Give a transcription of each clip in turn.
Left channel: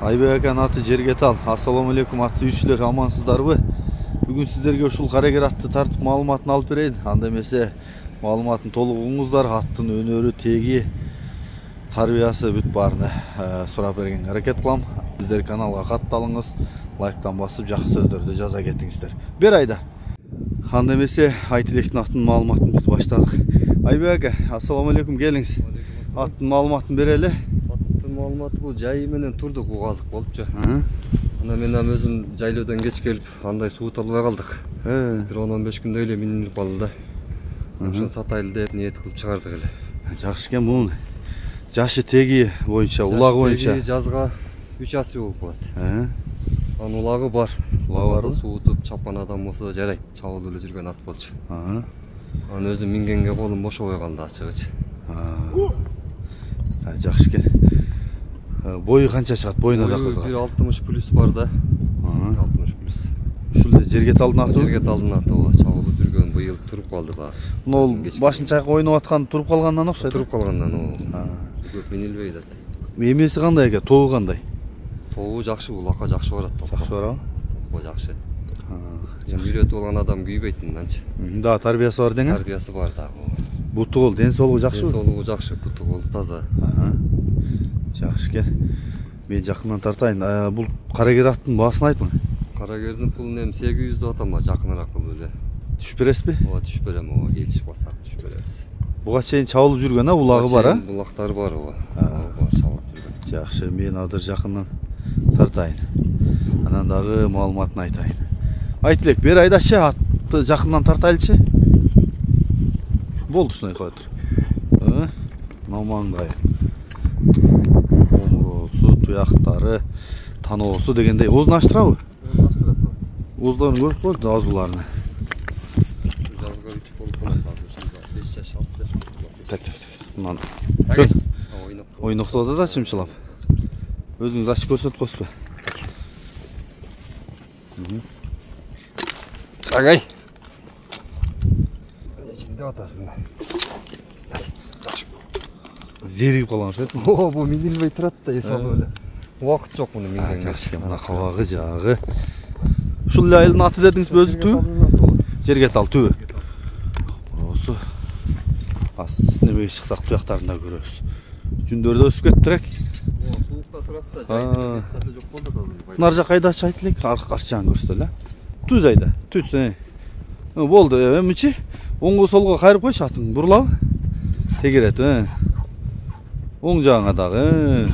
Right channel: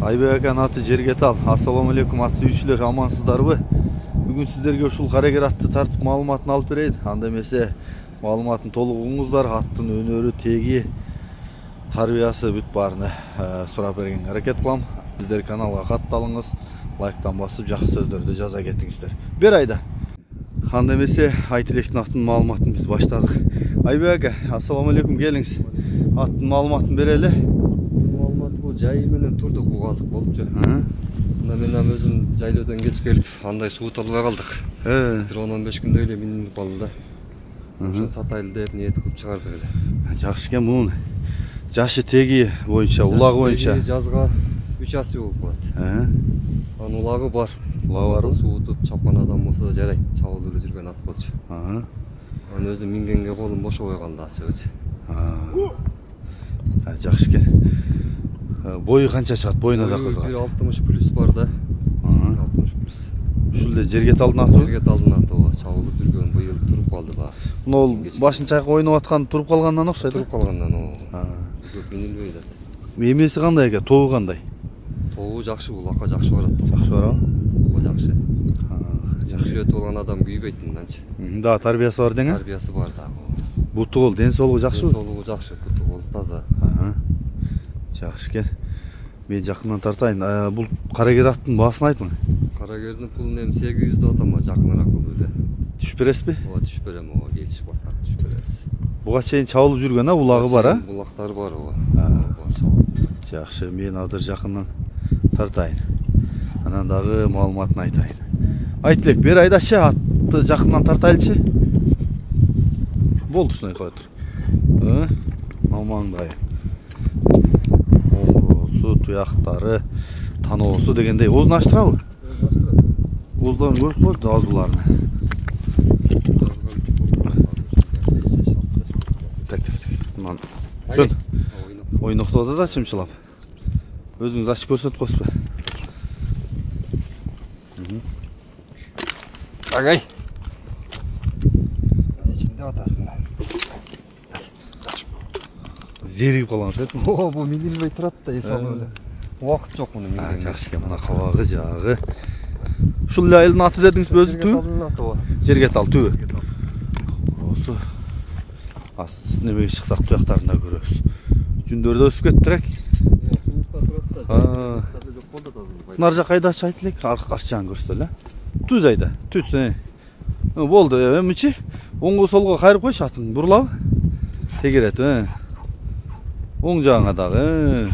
Айбек акан аты жерге тал. Ассаламу алейкум аты сүйүүчүлөр, амансыздарбы? Бүгүн сиздерге ушул карагер атты тартып маалыматын алып берейин. Анда эмесе маалыматын толук угуңуздар, аттын өнөрү, теги, тарбиясы бүт баарына сурап бергенге аракет кылам. Сиздер каналга катталыңыз, лайктан басып, жакшы сөздөрдү жаза кетиңиздер. Бер айда. Анда эмесе айтылектин аттын маалыматын биз баштадык. Айбек ака, ассаламу алейкум, келиңиз. Аттын маалыматын берели. Бул жайы менен турдук, угазык болупчу. Анда мен өзүм жайлоодон кеч келип, андай суу албай калдык. Бир 10-15 күндөй эле минилип калды да. Ошо сатайлы деп ниет кылып чыгардык эле. Жакшы экен, бунун жашы теги боюнча, улагы боюнча жазга 3 асы болуп калат. Анын улагы бар. Улагы барбы? Суутуп чапкан адам болсо жарайт, чабылып эле жүргөн ат болчу. Анын өзү мингенге колум бошобой калды ачыгычы. Жакшы экен. Бою канча чыгат? Боюна да кызыгат. 60 плюс бар да. 60 плюс. Ушул эле жерге талдын аты? Жерге талдын аты болот. Чабылып жүргөн, быйыл туруп калды да. Мына башын чайкап ойноп аткан туруп калгандан окшойт. Туруп калгандан көп минилбей да. Эмеси кандай экен? Тобу кандай? Тобу жакшы, улакка жакшы барат. Жакшы барабы? Бул жакшы. Жакшы үйрөтүп алган адам күйбөйт мынданчы. Да, тарбиясы бар дең? Тарбиясы бар да. Буту кол, ден соолугу жакшыбы? Ден соолугу жакшы, буту кол таза. Жакшы экен. Мен жакындан тартайын. Бул карагер аттын баасын айтың. Карагердин пулун эми 800 деп атам, жакыныраак кылып эле. Түшүп бересизби? Ооба, түшүп берем, келишип калсак түшүп беребиз. Буга чейин чабылып жүргөн, улагы бар, Булактары бар, Жакшы, мен азыр жакындан тартайын. Анан дагы маалыматын айтайын. Айтылек, бер айдачы атты жакындан тартайлычы. Болду, ушундай кой тур. Мамаңдай. Омуросу, туяктары, таноосу дегендей. Оозун ачтырабы? Ооздорун көрүп коет азууларыны. Так. Мына. Ойноктоду да чымчылап. Өзүңүз ачып көрсөтүп коесузбу? Агай. Ичинде атасың. Зеригип калган окшойт. Бул минилбей турат да, эсалып эле. Убакыт жок мунун мингенге. Жакшы экен, мына кабагы жагы. Ушул айылдын аты дедиңизби, өзү түбү? Жерге тал түбү. Осу. Немеге чыксак туяктарын да көрөбүз. Жүндөрдө өсүп кетиптир эк. Нар жак айдачы айтылек, арчаан көрсөтө эле. Түз айда, түз. Болду, эмичи? Оңго солго кайрып койчу, атың бурулабы? Тегерет, оң жагыңа дагы.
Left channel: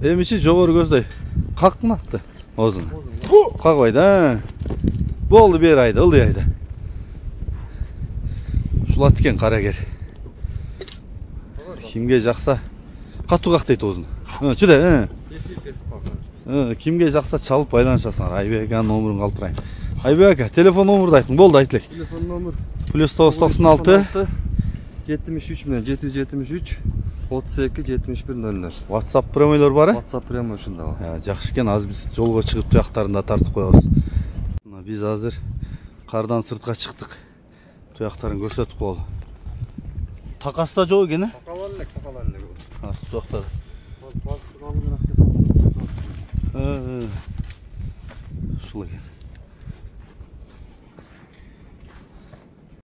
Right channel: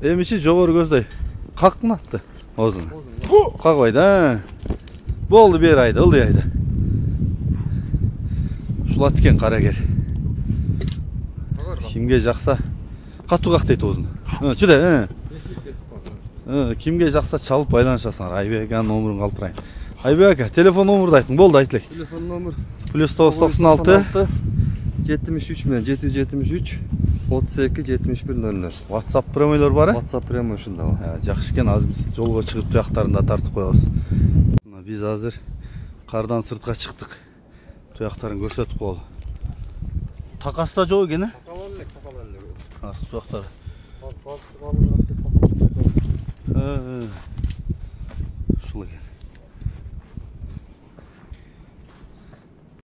Эмичи жогору көздөй. Кактын атты оозун. Какбайда. Болду, бер айда, ылдый айда. Ушул ат экен карагер. Кимге жакса катуу кактайт оозун. Чүдө, кимге жакса чалып байланышасыңар. Айбек аканын номурун калтырайын. Айбек ака, телефон номурду айтың. Болду, айтылек. Телефон номер +996 73 менен 773 32 71 00. WhatsApp премийлер бар? WhatsApp прямо ушунда. Жакшы экен, азыр биз жолго чыгып туяктарын да тартып коебуз. Биз азыр кардан сыртка чыктык. Туяктарын көрсөтүп коелу. Такасы да жок экен, Такалан. Туяктар. Ушул экен.